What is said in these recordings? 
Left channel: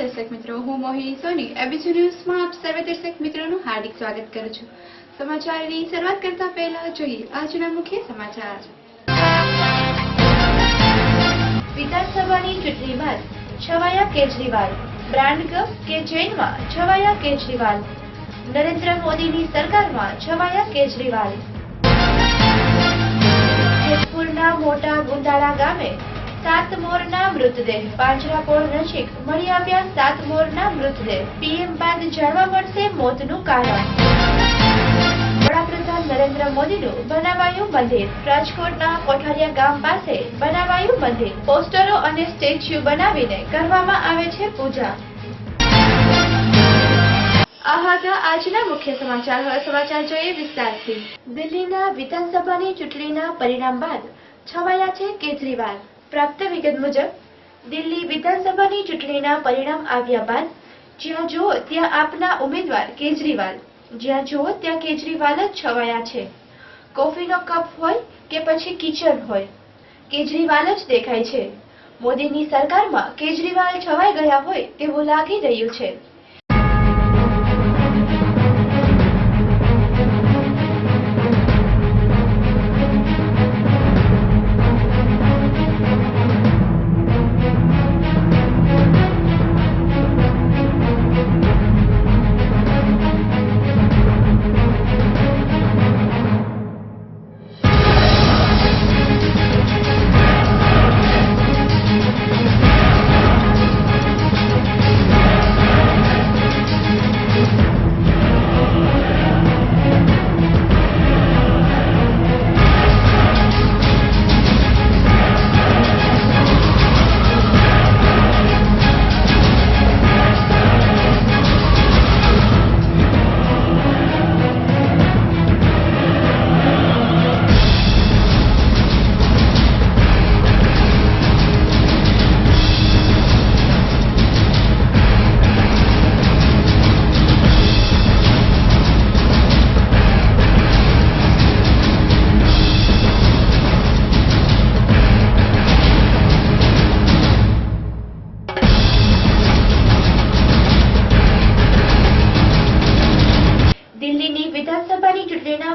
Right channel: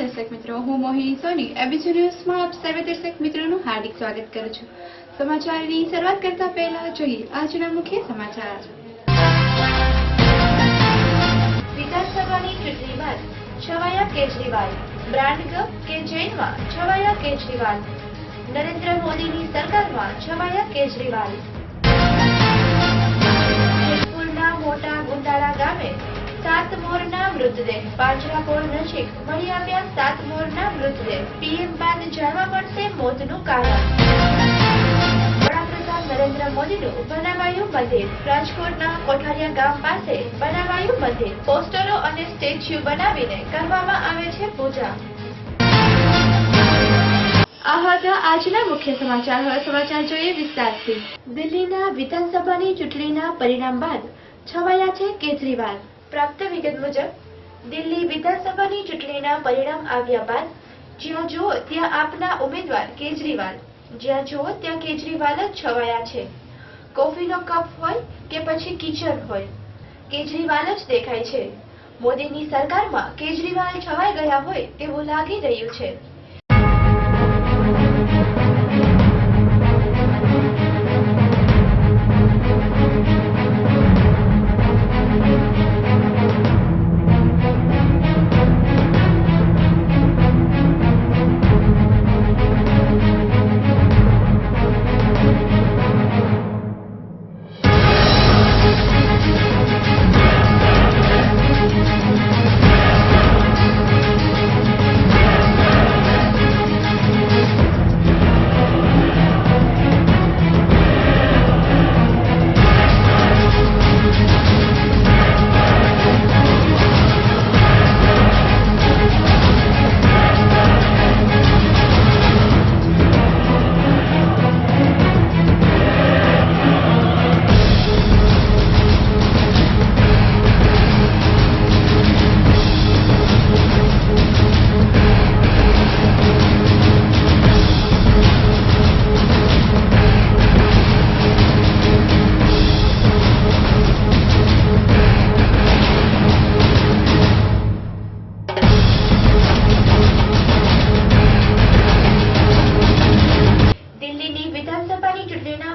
દર્શક મિત્રો, હું મોહિની સોની એબીસી ન્યૂઝમાં આપ સર્વે દર્શક મિત્રોનું હાર્દિક સ્વાગત કરું છું। સમાચારની શરૂઆત કરતા પહેલા જોઈએ આજના મુખ્ય સમાચાર। વિધાનસભાની ચૂંટણી બાદ છવાયા કેજરીવાલ, બ્રાન્ડ કપ કે જેલમાં છવાયા કેજરીવાલ, નરેન્દ્ર મોદીની સરકારમાં છવાયા કેજરીવાલ। જેતપુરના મોટા ગુંદાળા ગામે 7 મોરના મૃતદેહ, પાંજરાપોળ નજીક મળી આવ્યા 7 મોરના મૃતદેહ। પીએમ બાદ જાણવા મળશે મોતનું કારણ। વડાપ્રધાન નરેન્દ્ર મોદીનું બનાવાયું મંદિર, રાજકોટના કોઠારિયા ગામ પાસે બનાવાયું મંદિર। પોસ્ટરો અને સ્ટેચ્યુ બનાવીને કરવામાં આવે છે પૂજા। આ હતા આજના મુખ્ય સમાચાર। હવે સમાચાર જોઈએ વિસ્તારથી। દિલ્હીના વિધાનસભાની ચૂંટણીના પરિણામ બાદ છવાયા છે કેજરીવાલ। प्राप्त विगत मुजब दिल्ली विधानसभा चूंटणीना परिणाम आव्या बाद ज्यां जुओ त्यां आपना उम्मीदवार केजरीवाल, ज्यां जुओ त्यां केजरीवाल ज छवाया छे। कॉफीनो कप होय के पछी किचन होय, केजरीवाल ज देखाय छे। मोदीनी सरकारमां केजरीवाल छवाई गया होय तेवुं लागी रह्युं छे।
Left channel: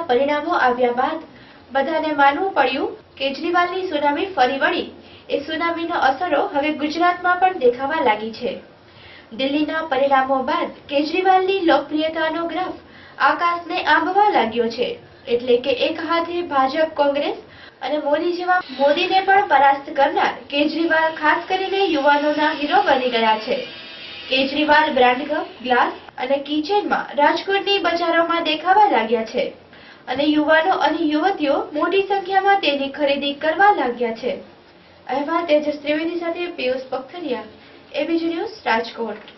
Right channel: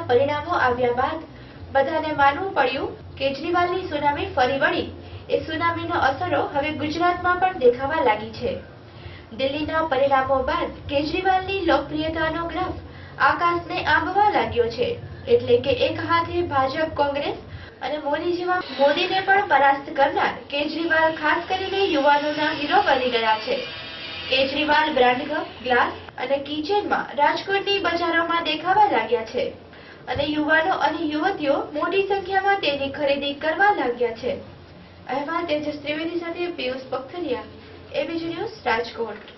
परिणामों आव्या बाद बधाने मानवुं पड्युं केजरीवालनी सुनामी फरी वळी। ए सुनामीनो असरो हवे गुजरातमां पण देखावा लागी छे। दिल्हीना परिणामों बाद केजरीवालनी लोकप्रियतानो ग्राफ आकाशने आंबवा लाग्यो छे। एटले के एक हाथे भाजप, कांग्रेस अने मोदी जेवा मोदीने पण परास्त करनार केजरीवाल खास करीने युवानोना हीरो बनी गया छे। केजरीवाल ब्रांड कप, ग्लास अने किचेनमां राजकोटनी बजारोमां देखावा लाग्या छे અને યુવાનો અને યુવતીઓ મોટી સંખ્યામાં તેની ખરીદી કરવા लाग्या છે। અહેવાલ તેજસ ત્રિવેદી સાથે પિયુષ પખતરિયા, એબીજી ન્યૂઝ, રાજકોટ।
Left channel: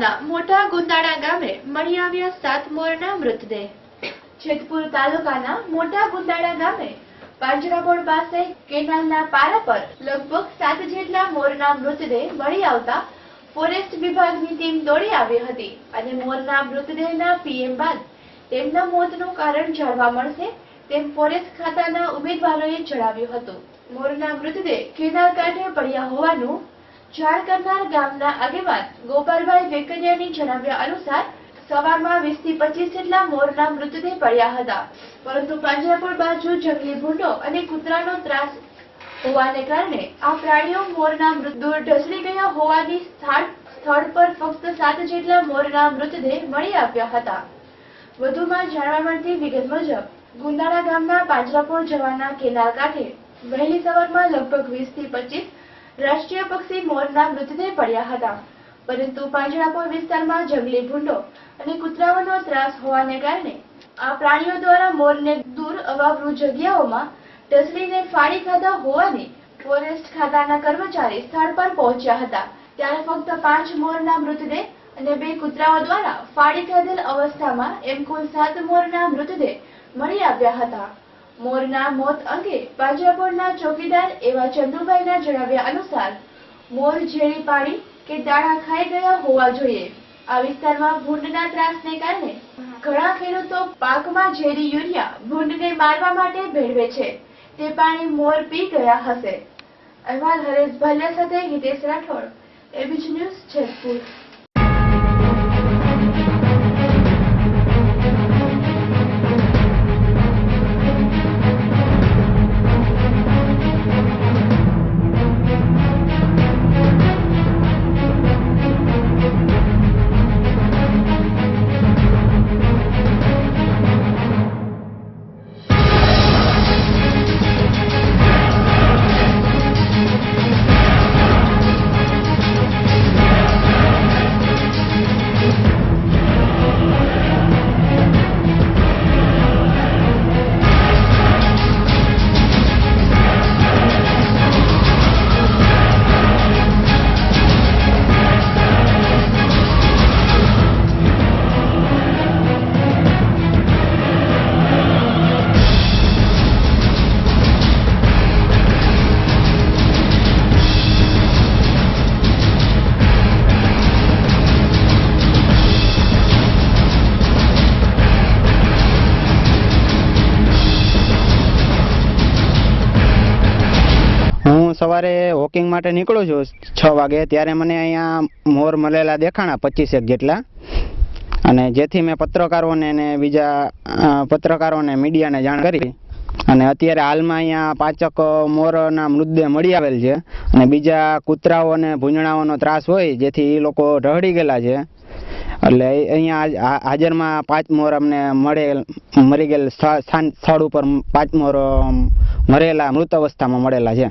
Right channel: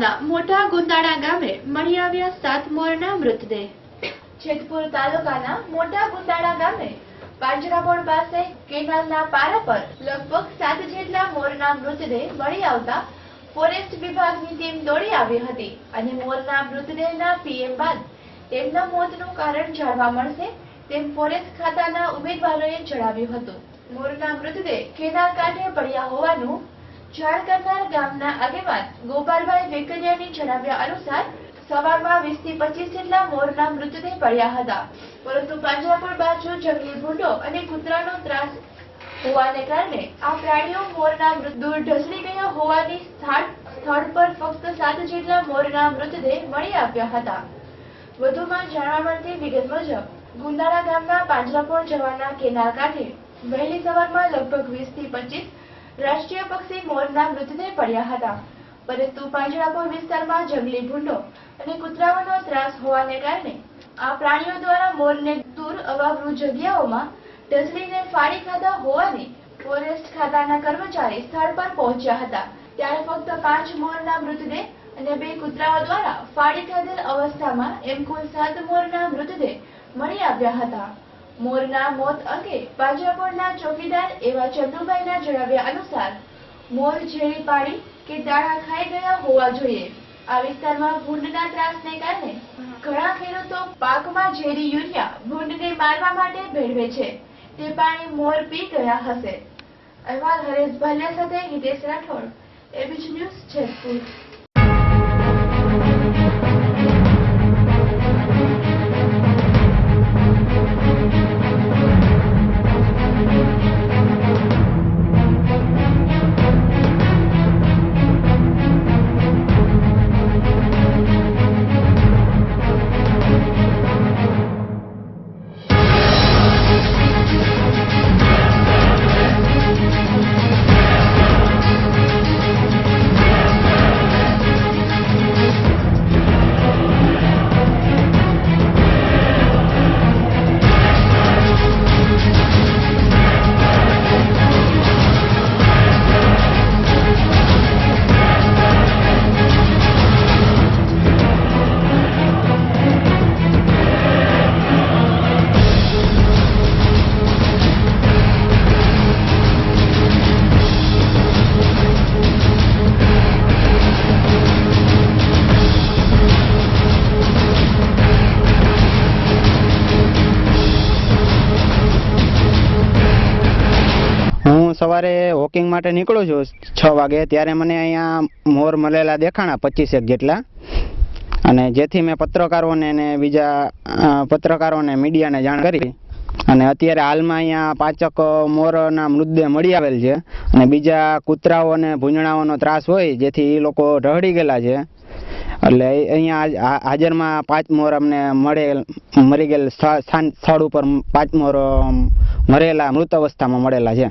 તાલુકાના મોટા ગુંદાળા ગામે મળી આવ્યા 7 મોરના મૃતદેહ। જેતપુર તાલુકાના મોટા ગુંદાળા ગામે પાંજરાપોળ પાસે કેનાલના પારા પર લગભગ 7 જેટલા મોરના મૃતદેહ મળી આવતા ફોરેસ્ટ વિભાગની ટીમ દોડી આવી હતી અને મોરના મૃતદેહના પીએમ બાદ તેમના મોતનું કારણ જાણવા મળશે તેમ ફોરેસ્ટ ખાતાના ઉમેદવારોએ જણાવ્યું હતું। મોરના મૃતદેહ કેનાલ કાંઠે પડ્યા હોવાનું જાણ કરનાર ગામના આગેવાન ગોપાલભાઈ વેકરિયાની જણાવ્યા અનુસાર સવારમાં 20 થી 25 જેટલા મોરના મૃતદેહ પડ્યા હતા, પરંતુ પાંજરાપોળ બાજુ જંગલી ભૂંડો અને કૂતરાનો ત્રાસ હોવાને કારણે આ પ્રાણીઓ મોરના દૂર ઢસડી ગયા હોવાની સ્થળ પર ફક્ત 7 જેટલા મોરના મૃતદેહ મળી આવ્યા હતા। વધુમાં જાણવા મળતી વિગત મુજબ ગુંદાળા ગામના પાંજરાપોળ જવાના કેનાલ કાંઠે વહેલી સવારમાં લગભગ 20 થી 25 રાષ્ટ્રીય પક્ષી મોરના મૃતદેહ પડ્યા હતા, પરંતુ પાંજરાપોળ વિસ્તારમાં જંગલી ભૂંડો અને કૂતરાઓનો ત્રાસ હોવાને કારણે આ પ્રાણીઓ દ્વારા મોરને દૂર અવાવરૂ જગ્યાઓમાં ઢસડીને ફાડી ખાધા હોવાની ફોરેસ્ટ ખાતાના કર્મચારી સ્થળ પર પહોંચ્યા હતા, ત્યારે ફક્ત 5 મોરના મૃતદેહ અને 2 કૂતરાઓ દ્વારા ફાડી ખાધેલ અવસ્થામાં એમ કુલ 7 મોરના મૃતદેહ મળી આવ્યા હતા। મોરના મોત અંગે પાંજરાપોળના ચોકીદાર એવા ચંદુભાઈના જણાવ્યા અનુસાર મોર ઝેરી પાડી કે દાણા ખાઈ ગયા હોવા જોઈએ। આ વિસ્તારમાં ભૂંડના ત્રાસને કારણે ઘણા ખેડૂતો પાકમાં ઝેરી યુરિયા ભૂંડને મારવા માટે ભેળવે છે, તે પાણી મોર પી ગયા હશે। અહેવાલ હરેશ ભાલિયા સાથે હિતેશ રાઠોડ, એબીપી ન્યૂઝ, જેતપુર। સવારે વોકિંગ માટે નીકળું છું 6 વાગે, ત્યારે મને અહીંયા મોર મળેલા દેખાણા 25 જેટલા, અને જેથી મેં પત્રકારોને ને બીજા પત્રકારોને મીડિયાને જાણ કરી અને અત્યારે હાલમાં અહીંયા 5 મોરના મૃતદેહ મળી આવેલ છે અને બીજા કૂતરાઓ અને ભૂંજણાઓનો ત્રાસ હોય જેથી એ લોકો ઢળી ગયેલા છે, એટલે અહીંયા હાજરમાં 5 મોર અમને મરી ગયેલ સ્થળ ઉપર 5 મોર મરેલા મૃત અવસ્થામાં મળેલા છે।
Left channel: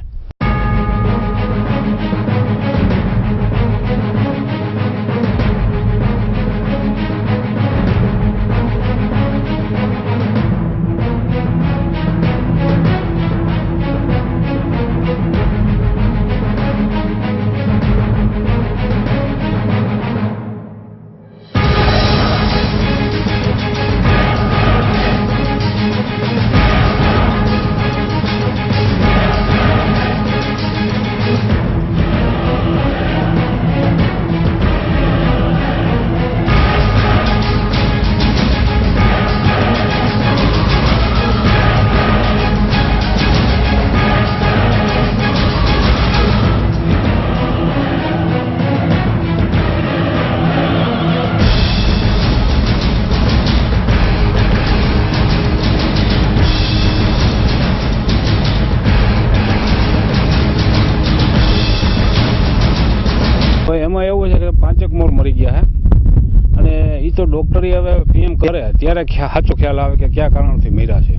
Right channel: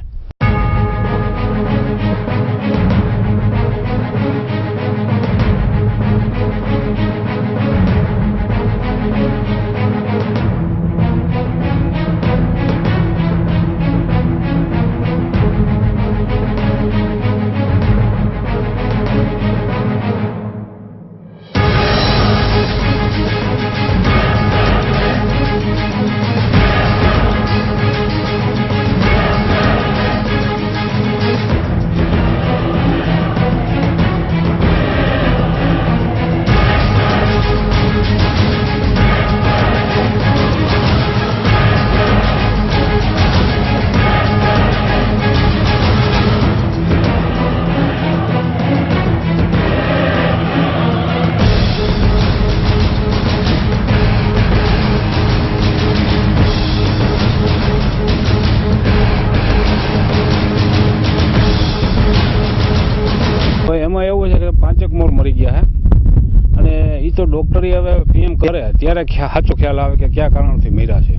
એમાં એવું છે કે 5 મોર મરી ગયા છે અને એ તો ડોક્ટરી હવે પીએમ કરે ત્યારે સાચો ખ્યાલ આવે કે કયા કારણથી મર્યા છે।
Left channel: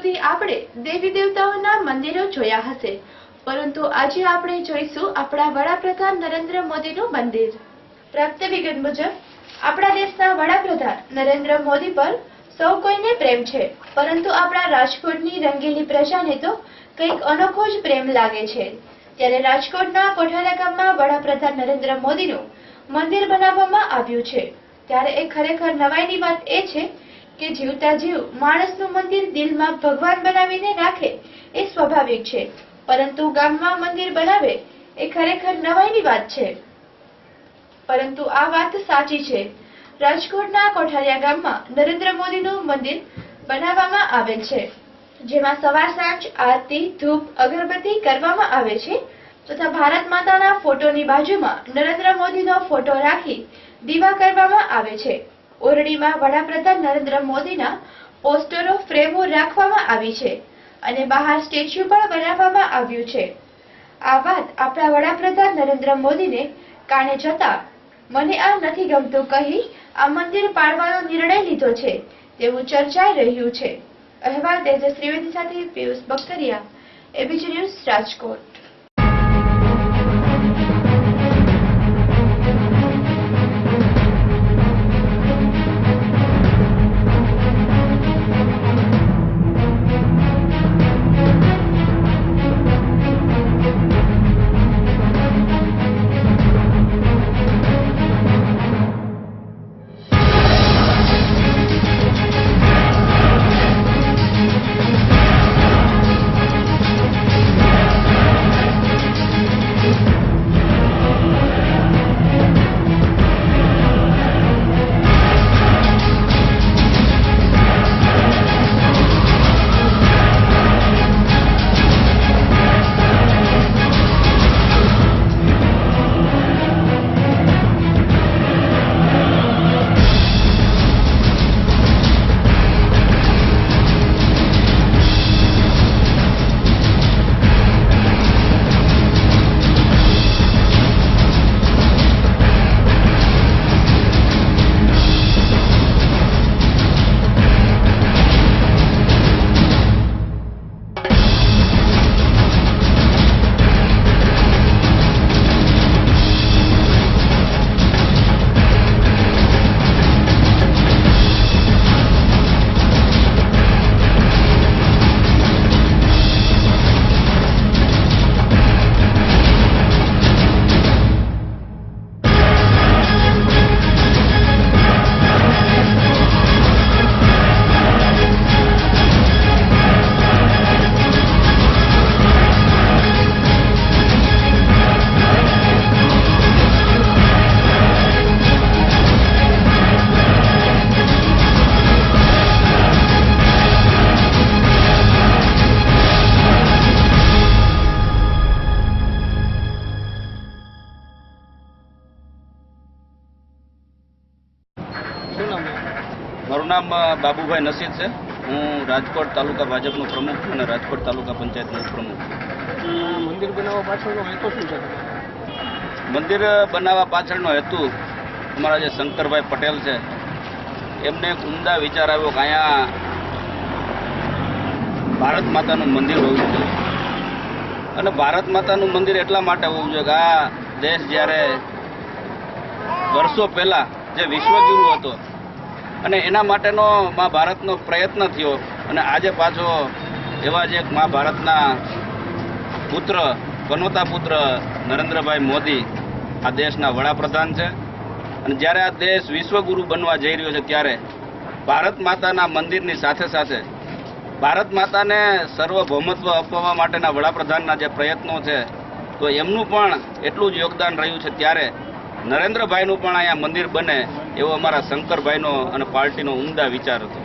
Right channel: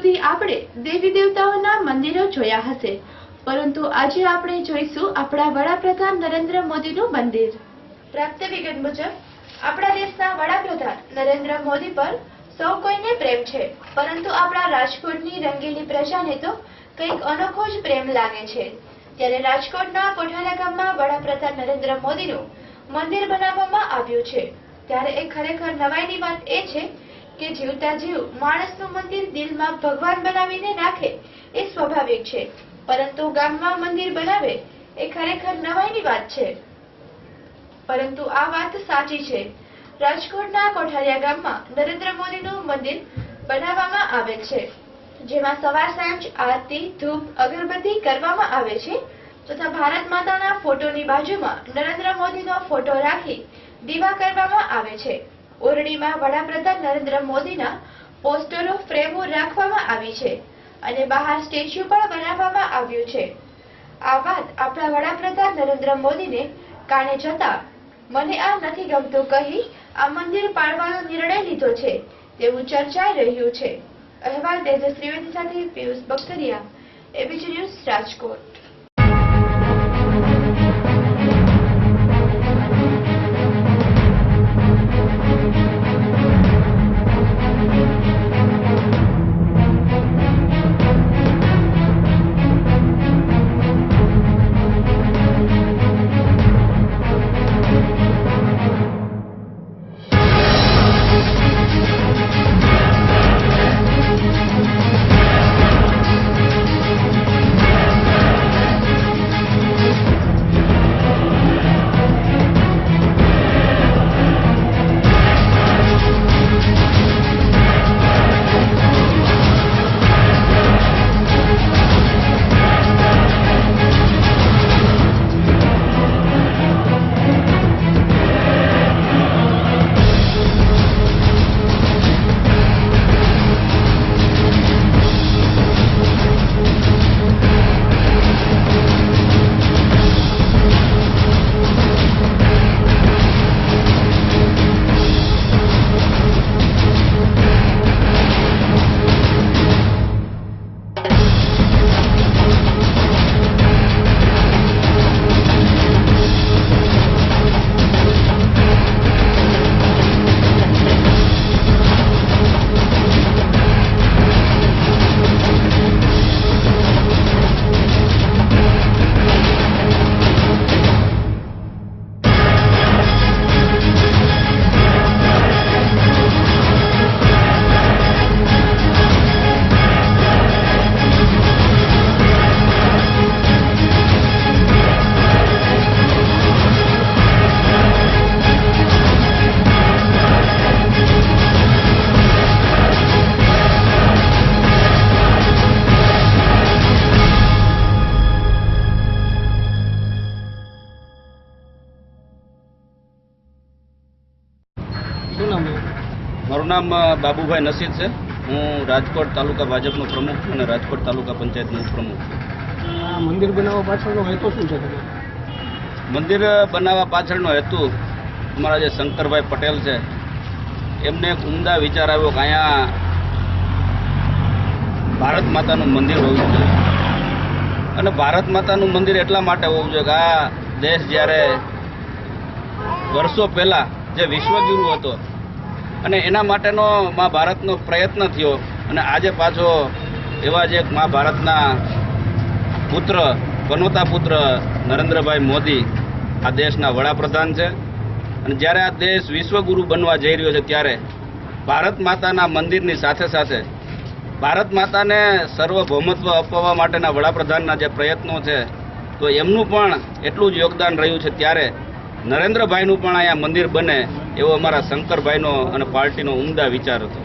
સુધી આપણે દેવી દેવતાઓના મંદિરો જોયા હશે, પરંતુ આજે આપણે જોઈશું આપણા વડાપ્રધાન નરેન્દ્ર મોદીનું મંદિર. પ્રાપ્ત વિગત મુજબ આપણા દેશના વડાપ્રધાન નરેન્દ્ર મોદી પર સૌ કોઈને પ્રેમ છે, પરંતુ આપણા રાજકોટની રંગીલી પ્રજાને તો કંઈક અનોખો જ પ્રેમ લાગે છે. ત્યારે રાજકોટના કોઠારા ગામમાં વડાપ્રધાન નરેન્દ્ર મોદીનું મંદિર બનાવવામાં આવ્યું છે. ત્યારે એ ખરેખર નવાઈની વાત એ છે કે જીવતા જીવ માણસનું મંદિર દિલમાં ભગવાન બનાવીને રાખે એ સ્વાભાવિક છે, પરંતુ ગામમાં મંદિર બનાવે એ ખરેખર નવાઈની વાત છે. પરંતુ આ વાત સાચી છે. રાજકોટના કોઠારિયા ગામમાં નરેન્દ્ર મોદીનું મંદિર બનાવવામાં આવેલ છે, જેમાં સવાર સાંજ આરતી, ધૂપ, અગરબત્તી કરવામાં આવે છે તથા ભારત માતાના ફોટોની બાજુમાં નરેન્દ્ર મોદીનો ફોટો રાખી દીવા કરવામાં આવે છે. ઓરડીમાં વડાપ્રધાન નરેન્દ્ર મોદીના પોસ્ટરો, ફ્રેમો રાખવામાં આવી છે અને બહાર સ્ટેચ્યુ પણ બનાવવામાં આવ્યું છે. આ વાત આપણા વડાપ્રધાન નરેન્દ્ર મોદીને કાને જતા મને આ નથી ગમતું કહી આ મંદિર પાડવાનો નિર્ણય લીધો છે તેવું ચર્ચાઈ રહ્યું છે. અહેવાલ તેજસ ત્રિવેદી સાથે પિયુષ બખતરિયા, એબીપી ન્યૂઝ, રાજકોટ. મારું નામ બાબુભાઈ નસીદ છે. હું રાજકોટ તાલુકા ભાજપનો પ્રમુખ છું અને રાજકોટ તાલુકા પંચાયતનો ઉપપ્રમુખ છું. મંદિર બનાવવા પાછળનો હેતુ શું છે? મંદિર બનાવવા પાછળનો હેતુ અમારા જે શંકરભાઈ પટેલ છે એમને એક ઉમદા વિચાર આવ્યો કે અહીંયા ભારત માતાનું મંદિર હોવું જોઈએ. અને ભારત માતાનું મંદિર એટલા માટે હોવું જોઈએ કે આ દેશ જ્યારે વર્ષો પહેલાં જે વિશ્વગુરુ હતો અને એના માટેનો મહાભારતનો પ્રયત્ન થયો અને આજે પાછો એવા જ એક મહાભારતના પુત્ર, પનોતા પુત્ર નરેન્દ્રભાઈ મોદી આ દેશના વડાપ્રધાન છે. અને જ્યારે આ દેશ વિશ્વગુરુ બનવા જઈ રહ્યો છે ત્યારે ભારત માતાના મંદિરની સાથે સાથે ભારત માતાને સર્વભૌમત્વ અપાવવા માટેના વડાપ્રધાનના જે પ્રયત્નો છે તો એમનું પણ એટલું જ યોગદાન રહ્યું છે. ત્યારે નરેન્દ્રભાઈનું પણ અહીંયા મંદિર બને એવો અમારા શંકરભાઈનો અને પાર્ટીનો ઉમદા વિચાર હતો.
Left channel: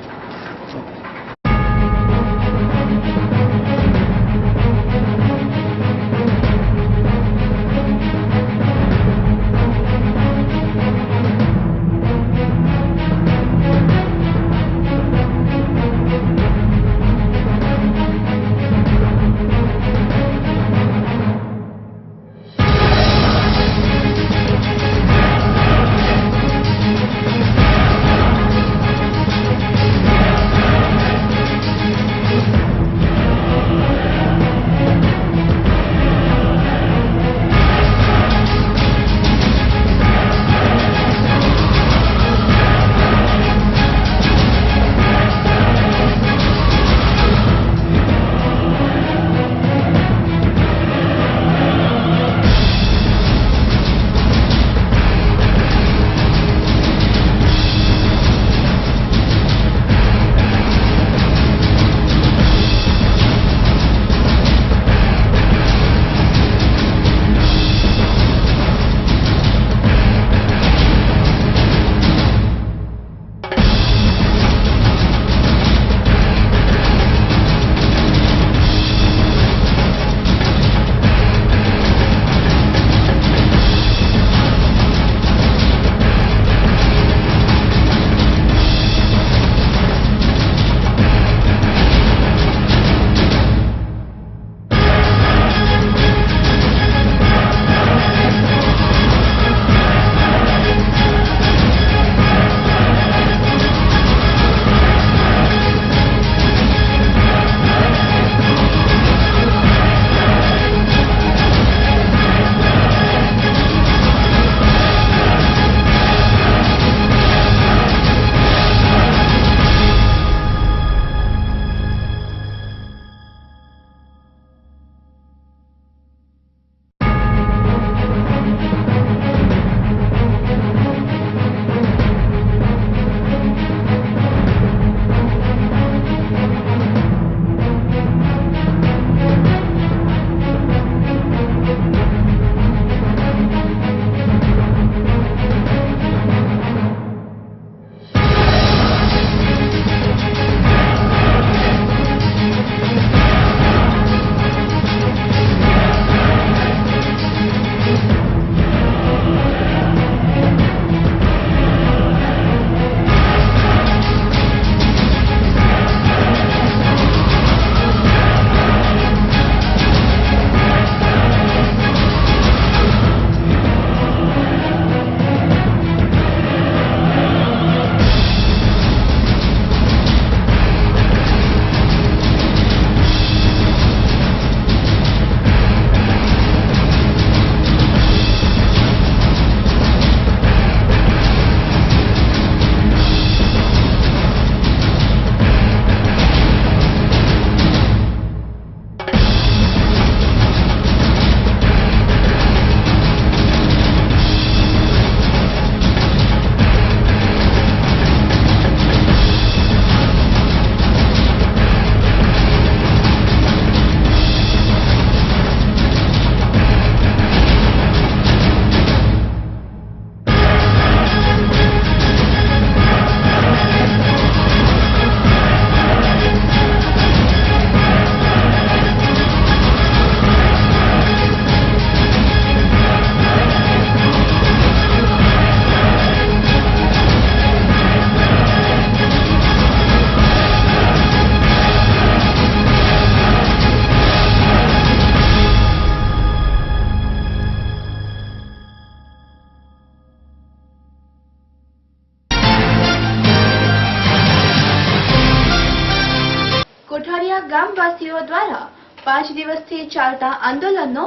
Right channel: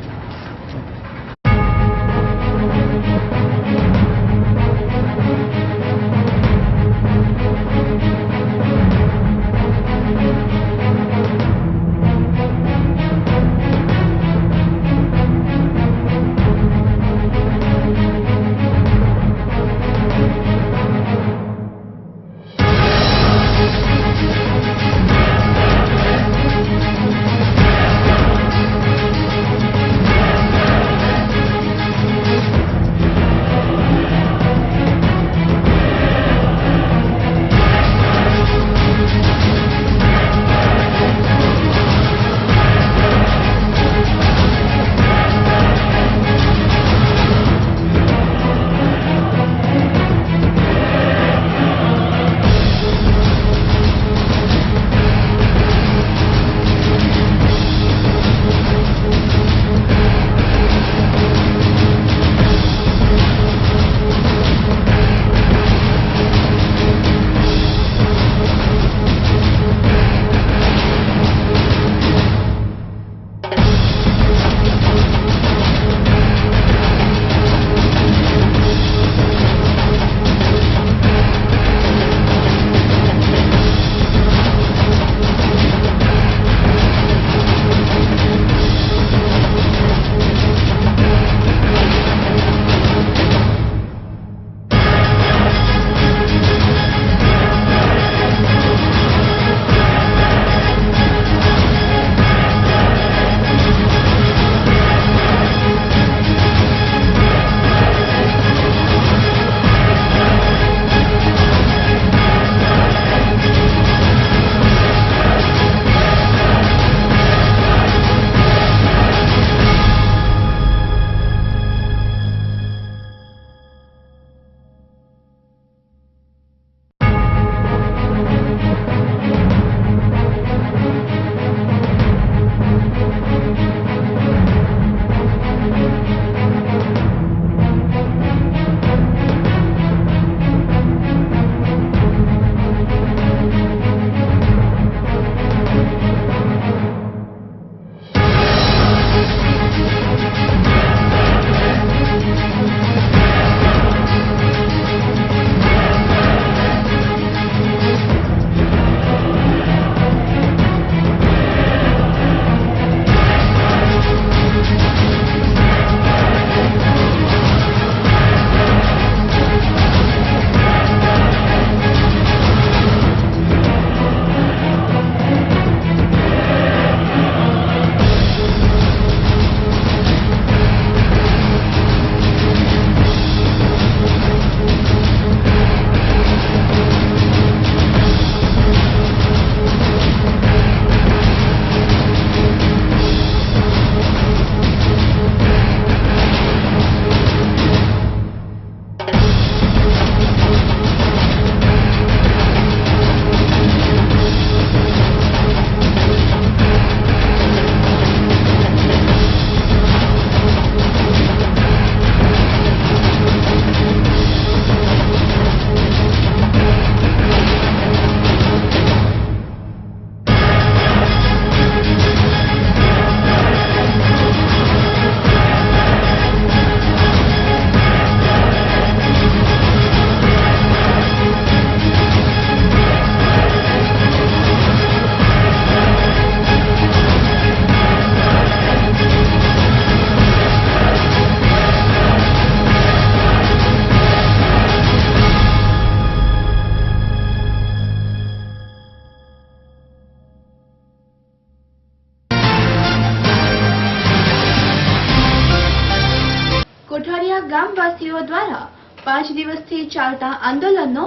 ગામવાસીઓ દ્વારા 5 દિવસથી ચાલતા આંદોલનનો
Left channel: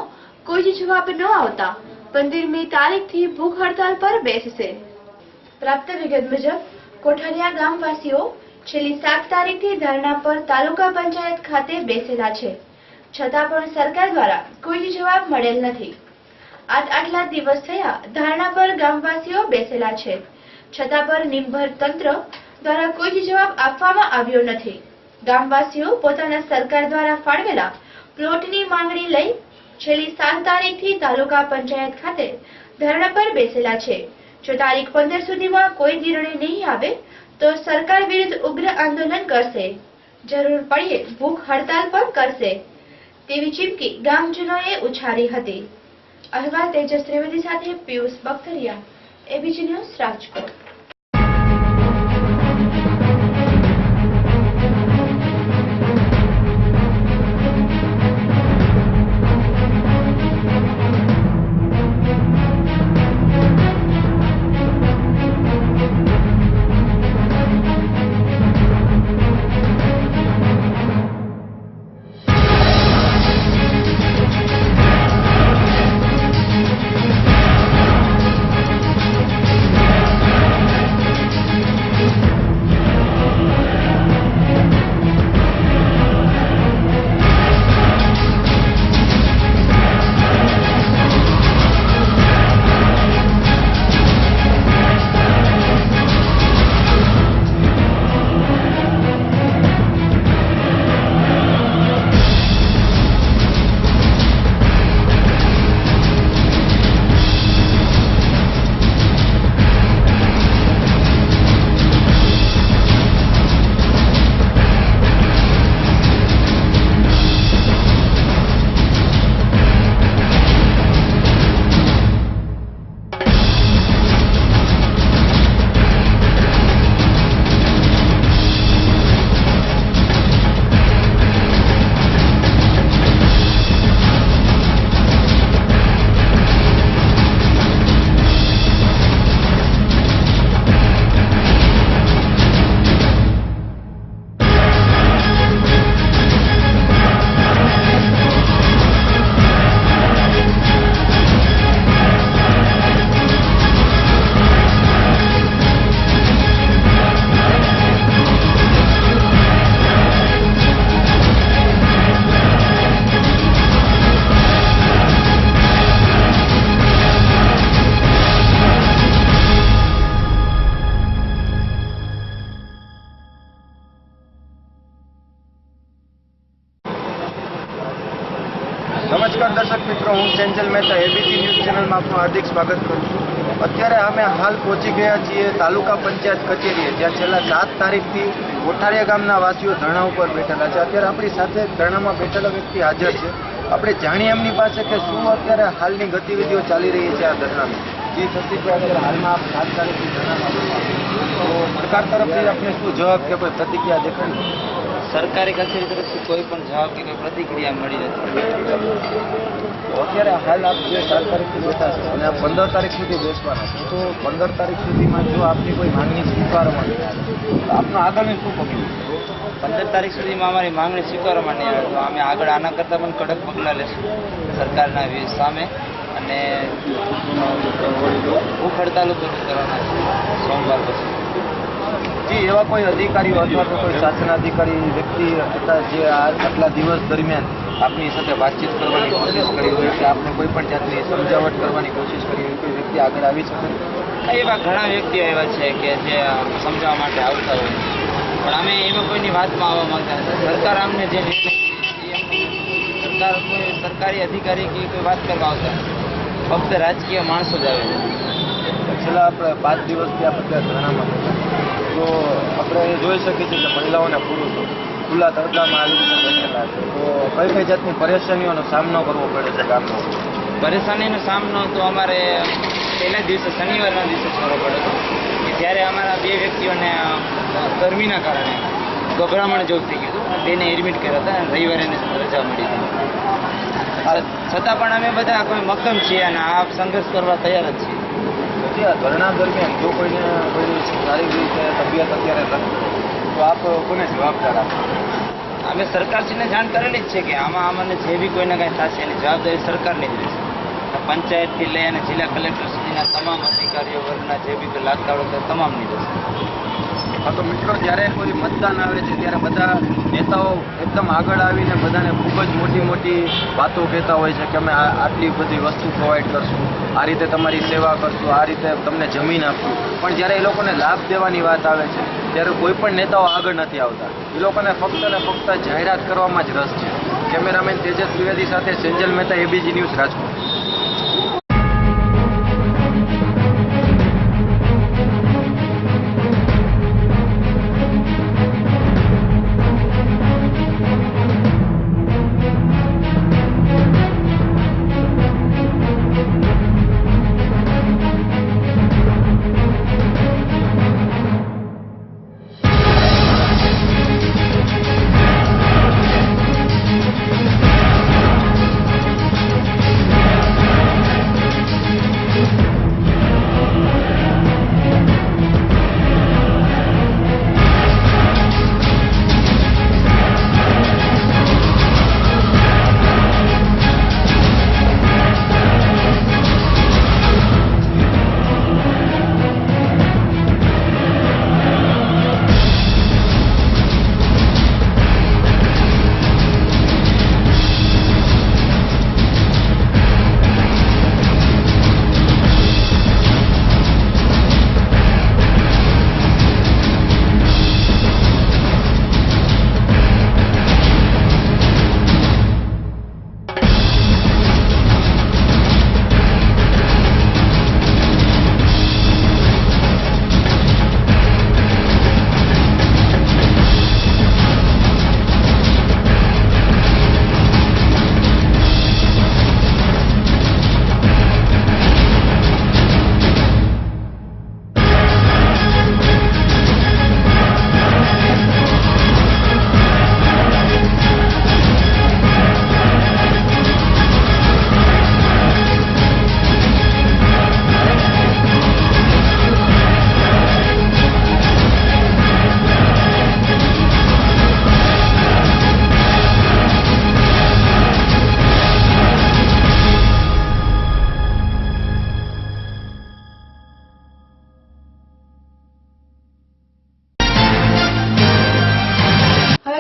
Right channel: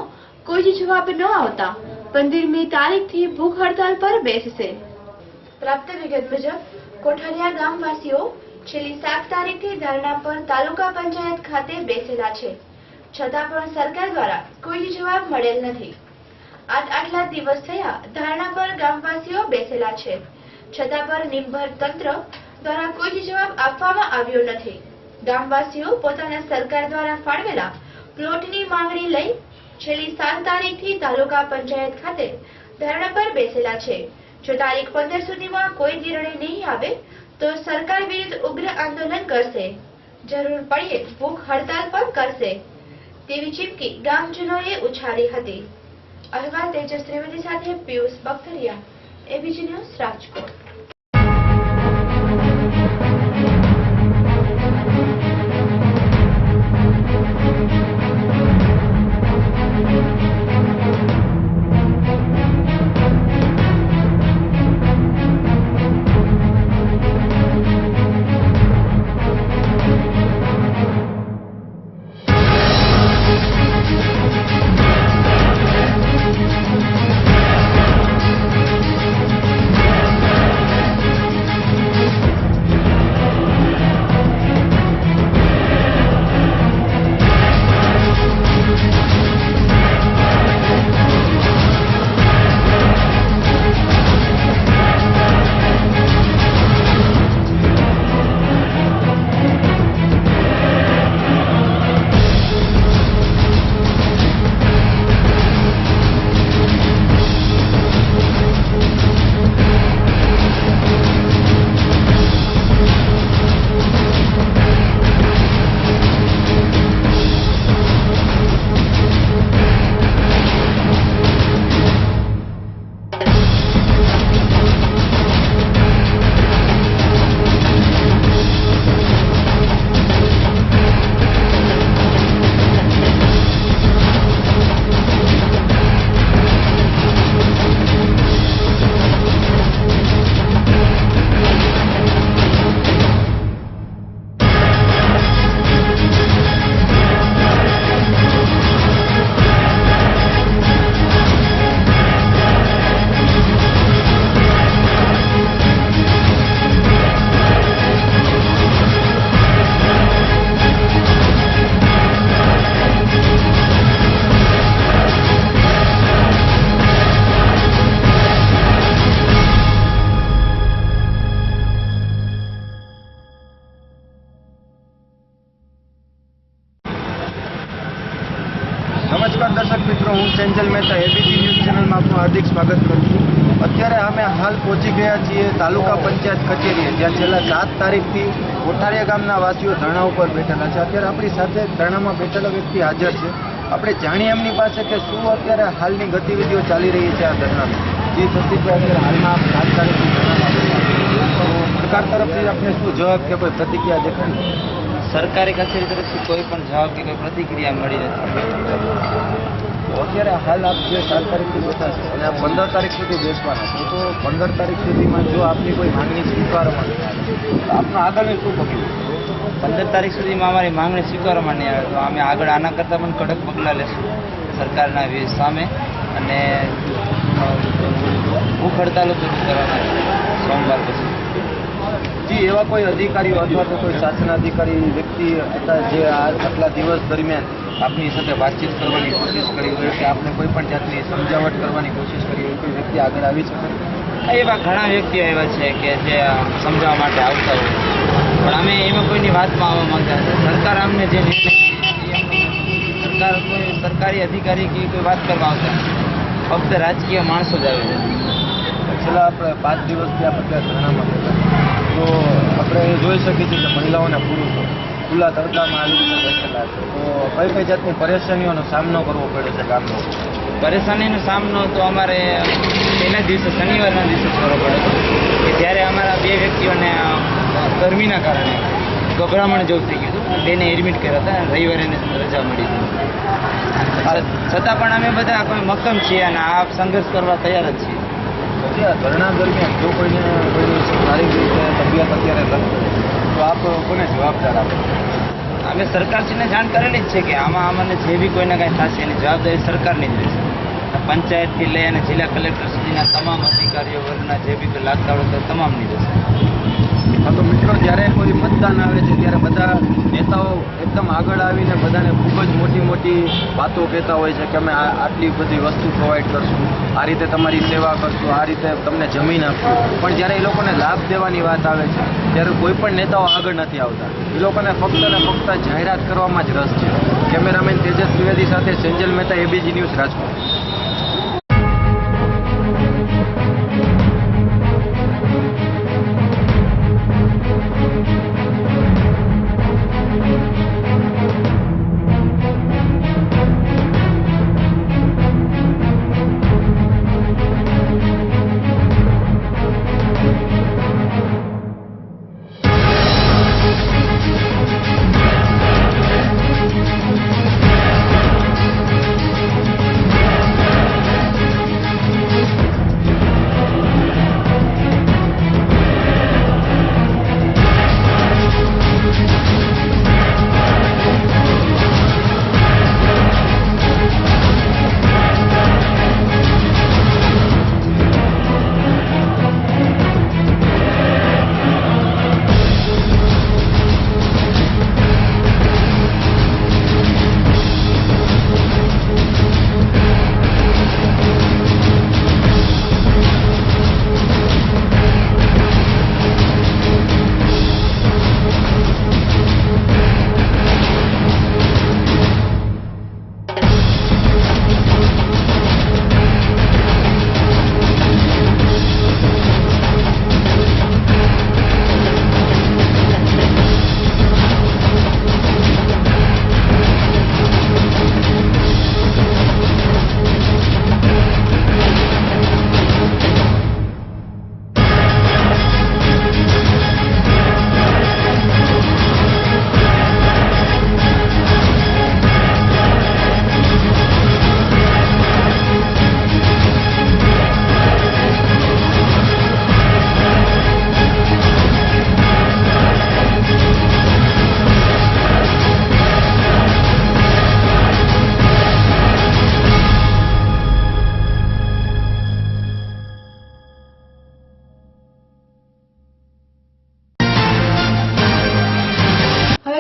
કોઈ જ જવાબ ન આવતા 15મી તારીખથી ભૂખ હડતાલ પર બેસશે. પ્રાપ્ત વિગત મુજબ કોઠારિયા ગામવાસીઓ છેલ્લી 7 તારીખથી ધરણા પર તાલુકા પંચાયત ખાતે બેસેલા છે, છતાં પણ સરકાર દ્વારા કોઈ જ જવાબ મળેલ નથી. આટલા દિવસ થયા ધરણા પર ગામવાસીઓ બેસેલા છે, છતાં પણ નિર્ભર તંત્ર દ્વારા કોઈ જ જવાબ આપવામાં આવ્યો નથી. ગામવાસીઓ પોતાના સરકાર દ્વારા ફાળવેલા પ્લોટની માંગણી લઈ છેલ્લી 7 તારીખથી તાલુકા પંચાયત ખાતે ધરણા પર બેસેલા છે. જો તારીખ 15 સુધીમાં કોઈ નિર્ણય નહીં આવે તો સરકાર વિરુદ્ધ ઉગ્ર આંદોલન કરશે, જરૂર પડ્યે ભૂખ હડતાલ પણ કરશે તેવી ચીમકી ગામજનોએ ઉચ્ચારી હતી. અહેવાલ તેજસ ત્રિવેદી સાથે પિયુષ બખતરિયા, એબીજી ન્યૂઝ, રાજકોટ. નમસ્કાર દર્શક મિત્રો, હું સેન્જલ મહેતા એબીપી ન્યૂઝ ચેનલમાં આપનું હાર્દિક સ્વાગત કરું છું. અત્યારે અમે હાલ પહોંચી ગયા છીએ તાલુકા પંચાયત કચેરીએ, જ્યાં છેલ્લા 7 તારીખથી કોઠારિયા ગામના વાસીઓ ધરણા ઉપર બેઠેલા છે. અત્યારે આપણી સાથે ધરણામાં બેઠેલો વ્યક્તિ હાજર છે. આપણે જાણીએ એમની પાસે કે શું અત્યારે હાલની ગતિવિધિઓ ચાલી રહી છે આ ધરણાની. જી સતીશભાઈ, અત્યારે હાલમાં આપ 7 તારીખથી ધરણામાં બેઠા, તો સરકાર તરફથી આપને શું જવાબ કે કોઈ પ્રતિક્રિયા દેખાડી? સરકારી કચેરી તરફથી કોઈ પણ જવાબ કે કોઈ પ્રતિક્રિયા મળી નથી. અત્યારે હાલ આપ જે 7 તારીખથી બેઠા છે અને આપ 15 તારીખ સુધી બેસવાના છો, તો 15 તારીખ સુધીમાં જો આપની કોઈ માંગણી સ્વીકારવામાં નહીં આવે તો આપનું આગળનું શું પગલું? 15 તારીખ સુધીમાં અમારી માંગણી સ્વીકારવામાં નહીં આવે તો અમે આગળ આના કરતાં પણ કડક પગલાં લેશું સરકારના સામે, અને ભૂખ હડતાલો શરૂ કરવાના છે સોમવાર પછી. જી, એવા કોઈ અધિકારીઓ અથવા તો કોઈ શાસનાધિકારી વ્યક્તિ હતા જે આટલા દિવસ દરમિયાન આપની સાથે વાતચીત કરવાની કોશિશ કરી હોય કે આપને કોઈ પણ જાતની સમજાવટ કરવાની કોશિશ કરી હોય, કોઈ વ્યક્તિ આગળ આવી શકે? એવા ઘણા વ્યક્તિઓ એવા છે કે જે સમજાવવા માટે આવતા હોય, પણ અમે એમાં કોઈની વાતમાં આવવા માંગતા નથી. સરકાર અમને જે નિર્ણય, સરકારી અધિકારી કે કોઈ વાત કરવા આવતા ફક્ત રાજકીય માણસો જ આવે છે. છેલ્લા આપણે 5 દિવસથી આપણે ત્યાં ધરણામાં બેઠા, તો આપણે એ જોઈ શકીએ છીએ કે મહિલાઓ અને પુરુષો ખુલ્લા તડકામાં આવી રીતે બેઠેલા છે. તો કઈ જાતની પરેશાનીઓનો સામનો કરવો પડે છે ગામનો? પરેશાનીનો સામનો તો અમારે પહેલા દિવસે શનિવારના દિવસે કરવો પડ્યો હતો કે જ્યારે અમારા 2 વ્યક્તિઓને ગરમીના કારણે ગભરામણ જેવું થઈ ગયું હતું. બેને એડમિટ કર્યા હતા અને રવિવારે રજા મળી હતી. છતાં પણ અમે બધા કોઈ મક્કમ છીએ અને આ સંઘર્ષ કરવા તૈયાર જ છીએ. પછી આ ધરણા દરમિયાન જો કોઈની શારીરિક રીતે તબિયત અત્યારે લખે તો આપ કોને જવાબદાર આપો? અમે સરકારશ્રીને જાણ કરેલી જ છે કે આમાં અમને જે બી કોઈને કાંઈ થશે એની જવાબદારી સરકારની જ રહેશે. પંચાયતથી લઈ અને જિલ્લા કલેક્ટર સુધીના તમામ અધિકારીઓ વર્ગના જે બી લાગતા હોય તમામની રહેશે. હા, તો મિત્રો જ્યારે કોઈ મતદાન આવે છે ત્યારે બધા નેતાઓ એકદમ આગળ આવીને બધાને ખૂબ જ મોટી મોટી વાતો કહેતા હોય છે કે અમે આટલી બધી વસ્તુ પ્રોવાઈડ કરશું, આ રીતે તમારી સેવા કરશું, આ રીતે તમને જમીન આપશું. પણ જ્યારે એ લોકોને લાભ દેવાની વાત આવે છે ત્યારે કોઈ પણ નેતાઓ આગળ નથી આવતા. એ લોકોને ફક્ત ને ફક્ત જાહેરાત કરવામાં જ રસ છે. કેમેરામેન તેજસ ત્રિવેદી સાથે સેન્જલ મહેતા, એબીજી ન્યૂઝ, રાજકોટ.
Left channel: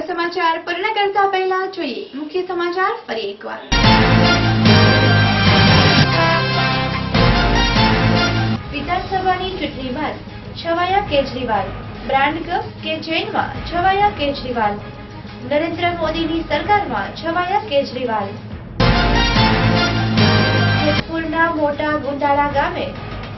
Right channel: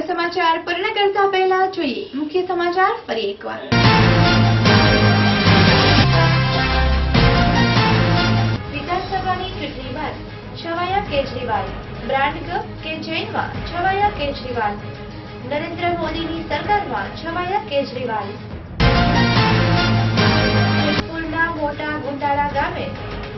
સમાચાર પૂર્ણ કરતા પહેલા જોઈએ મુખ્ય સમાચાર ફરી એકવાર. વિધાનસભાની ચૂંટણી બાદ છવાયા કેજરીવાલ. બ્રાન્ડ કે જેલમાં છવાયા કેજરીવાલ. નરેન્દ્ર મોદીની સરકારમાં છવાયા કેજરીવાલ. જેતપુરના મોટા ગુંડાળા ગામે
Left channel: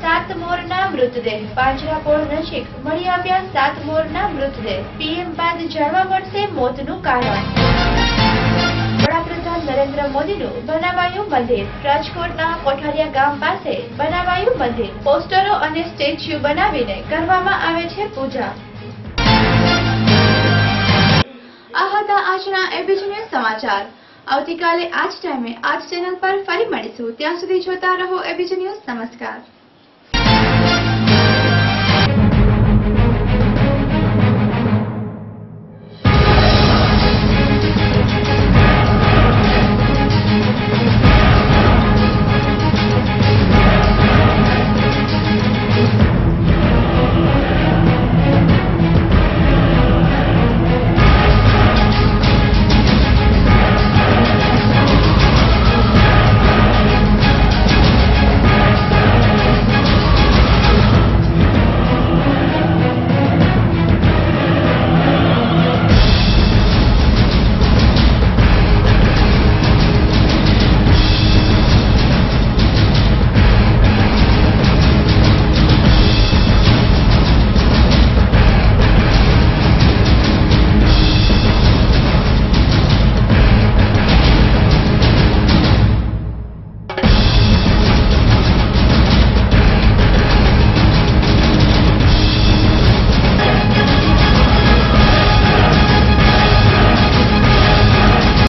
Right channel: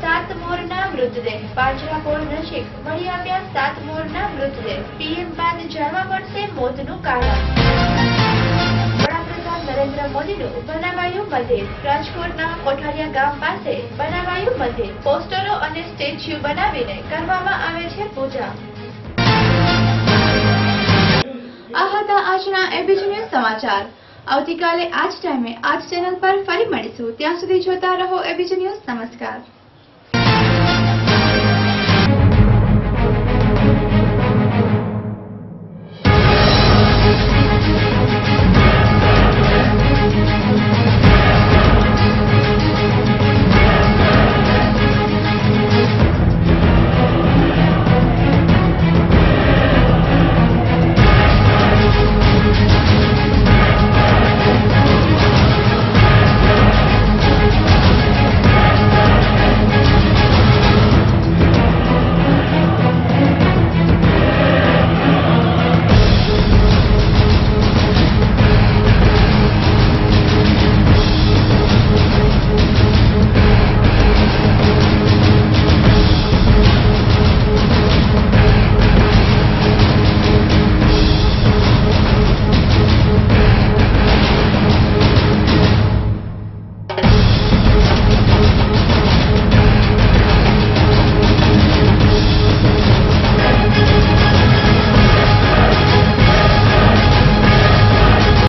7 મોરના મૃતદેહ. પાંજરાપોળ નજીક મળી આવ્યા 7 મોરના મૃતદેહ. પીએમ બાદ જાણવા મળશે મોતનું કારણ. વડાપ્રધાન નરેન્દ્ર મોદીનું બનાવાયું મંદિર. રાજકોટના કોઠારિયા ગામ પાસે બનાવાયું મંદિર. પોસ્ટરો અને સ્ટેચ્યુ બનાવીને કરવામાં આવે છે પૂજા. આ હતા આજના એબીજી ન્યૂઝ સમાચાર. આવતીકાલે આ જ ટાઈમે આ જ ચેનલ પર ફરી મળીશું. ત્યાં સુધી જોતા રહો એબીજી ન્યૂઝ. નમસ્કાર.